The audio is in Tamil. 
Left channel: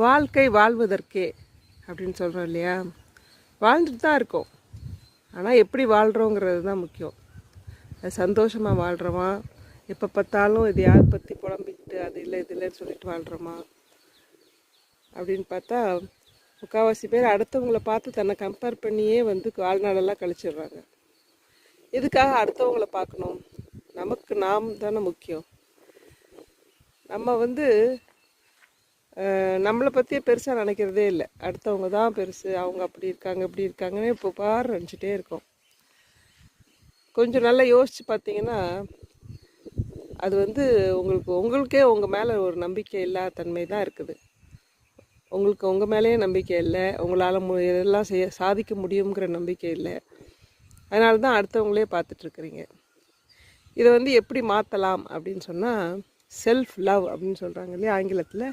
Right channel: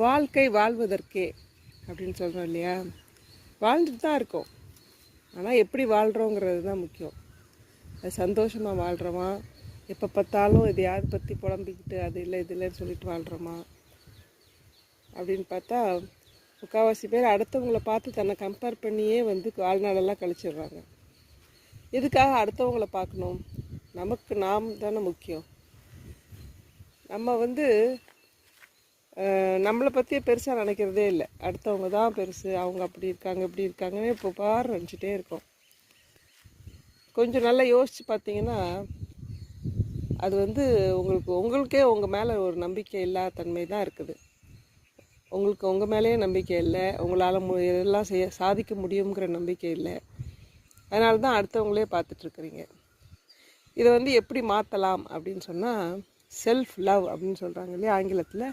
வாழ்க்கை வாழ்வதற்கே அப்படின்னு சொல்கிறோம் இல்லையா? வாழ்ந்துட்டு தான் இருக்கோம். ஆனால் எப்படி வாழ்கிறோங்கிறது தான் முக்கியம். அது சந்தோஷமாக வாழ்கிறோமா, எப்போ பார்த்தாலும் இது யார் பற்றி புலம்பிக்கிட்டு அது இல்லை இது இல்லைன்னு சொல்லிட்டு வாழ்கிறோமா அப்படின்னு பார்த்தா முக்கால்வாசி பேர் அடுத்தவங்களை பார்த்து தன்னை கம்பேர் பண்ணியே வாழ்நாளெல்லாம் கழிச்சிடுறாங்க. எதுக்காக அடுத்தவங்களை பார்க்கணும்? நமக்கு நாம் தானே முக்கியம். நம்ம நம்மளை பற்றியே பெருசாக நினைக்கிறதே இல்லை. அடுத்தவங்க தான் பெருசு, அவங்க அப்படி இருக்காங்க இப்படி இருக்காங்கன்னு இப்போ பாரு நினச்சிட்டே இருக்கோம். கொஞ்சம் நல்லா யோசித்து பார்த்தீங்கன்னா அது உங்களுக்கே உங்கள் மேலே ஒரு நம்பிக்கை இல்லாத தன்மை தான் இருக்குது. உங்களுக்கு உங்கள் மேலேயே நம்பிக்கை இல்லை, உங்களால் எதெல்லாம் சாதிக்க முடியுங்கிற நம்பிக்கை இல்லை. அதனால தான் அடுத்தவங்களே பார்த்துட்ருக்குறீங்க. இதை எப்படி மாற்றலாம் அப்படின்னு சொன்னால் செல்ஃப் லவ் அப்படின்னு சொல்கிறாங்க இல்லையா ஆங்கிலத்தில்.